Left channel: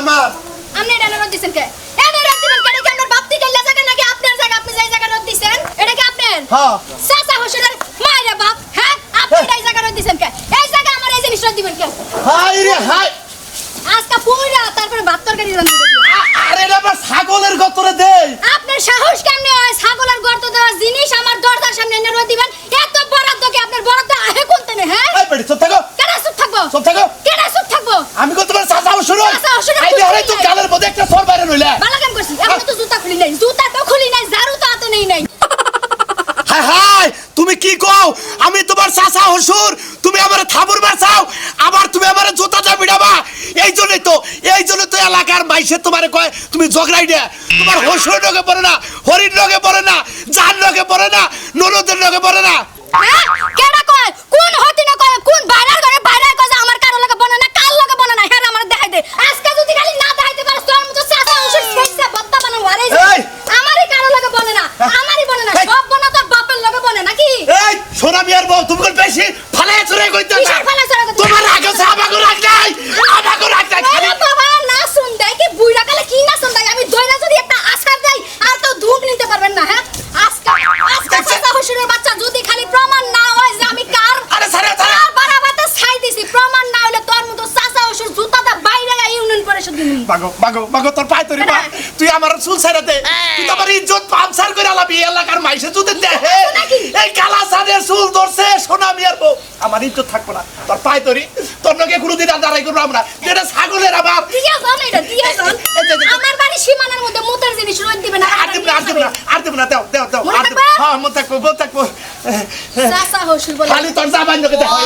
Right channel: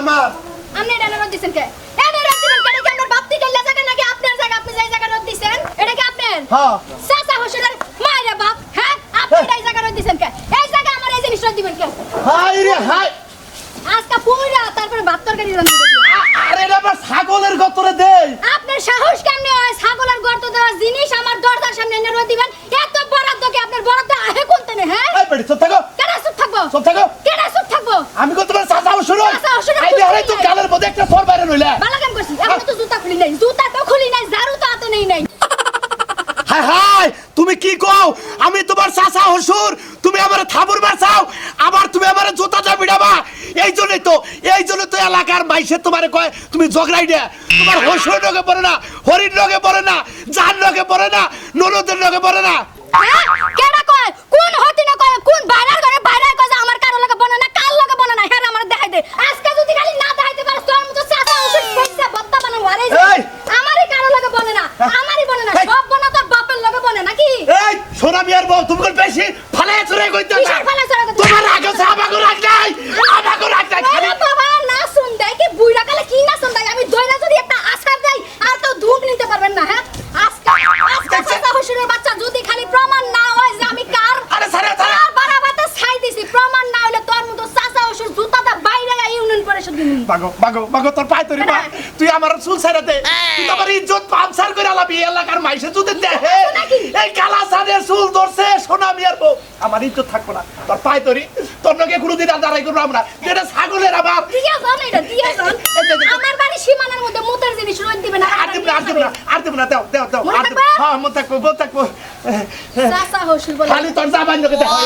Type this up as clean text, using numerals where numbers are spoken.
আমার আপনি এটা রোদ দিছেন কে? এটা রোদ দিবেন কে? এটা কি আপনার বাপ থেকে জায়গা নাকি আপনার জায়গা? আপনি যেই জায়গা রোদ দিছেন এটা কি আপনার? হ্যাঁ চাচা হোসেনের মায়ের বাপ, হ্যাঁ? আপনি এই জায়গা রোদ দিছেন কে? এই জায়গা আমার এই জিনিস রোদ দিবেন কে? হাই রে হাই আজকে পুরা তারপরে ভাত তরকারি রান্না করব। আরে এটা আমার ছাগলের গতরে দেই আপনার সাহস কেমনে হয় ছাগলের গর্ত দেওয়া জিনিস আমার দরজার সামনে এনে রোদ দিবেন? এত বরাদ্দ কি আপনার বরাদ্দ আহে কোনতে নে, হ্যাঁ? এই বেটি চুপ থাকো কেন চুপ থাকবো? চুপ থাকো কেন চুপ থাকবো? আমি কত তোমার চাচা শুনো চাচা শুনো, আইলে হরে তো গালের মধ্যে একটা সর বাইরে রইলা বালা কাম করছি। এখন তো জুতা খুলি নাই, জুতা তো খুলি নাই, ঝাড়ু তো হাতে নেই নাই। হাই হাই তুমি কি কও আমি তোমার চাচা হসুর তুমি আমারে থাবুর মারছাও আবার তুমি আমারে জুতা দা বিড়াবা এই জন্য তো এলাকার মাইসে তোমারে কয় তুমি ঝগড়াই দে তোমার হসুর লগে পড়ে না হরির লগে পড়ে না জান লগে পড়ে না ননদের লগে পড়ে না হ্যাঁ? কেডা কয়? কোন হতি না কয়? কোন বাইরের ঘরে বাইরের কয় যে আমার কারো লাগে বনে না, কার লাগে বনে না, হ্যাঁ আমার দেখাই দে। আজকে যদি খালি না দেখাইতে পারস তোর মতো চাচা ওষুধ খাইছে বত্তা বানাবো। আরে এই! আমারই কারো লাগে বনে না, আমারই বনে না, এই! সব বনে তোর বাপের লাগে বনে নাকি? এই সোনা মিয়ার বউ তুমি কোন বেশি ফালায় চুরে কইতে কিসের ফালায় চুরে কইতে? তোমার আগে আমাকে রাখ নাই আরে বাবা না শুন দেয় কি বুইড়া কালে কি না শুন দেয়? আমি দইরা যদি একটা আছাড় দেই আর তো ধুম নিতে পারবেন না, হ্যাঁ? আজকে চাচা হোসেনের বাচ্চা যদি খালি প্রমাণ না হয় যে আমি কার আরে সারা আর বারাবাতে ছাই দিছি, প্রমাণ না হইলে তোর মতো চাচা হোসেন জুতাটা বাইরে ইউনিয়ন পরিষদ দিন। বাগো তোর পায় তোরি বা তুই আমার চুল ছাইরা দে তুই আমার ইজ্জত পামসার করে আলাবি এলাকার মাইসে যদি দেহে এই কালা সাদের চুল ধরছে সোনা মিয়ার বউ আমার ইজ্জত থাকবো না তোর পায় তোরি তোর লগে কোনোদিন আর দাঁড়াই করবো আমরা যেটা ছাগলের আবার দিয়া যান এটা দিয়া যান। আমার বাড়ি সীমানার মধ্যে মুতের জিনিস রোদ দিবেন না। আর দেব না দাও মনে থাকবে? হ্যাঁ মন থাকবো চাচা হোসেন বলে খালি তোর জামাই লোকে দেখা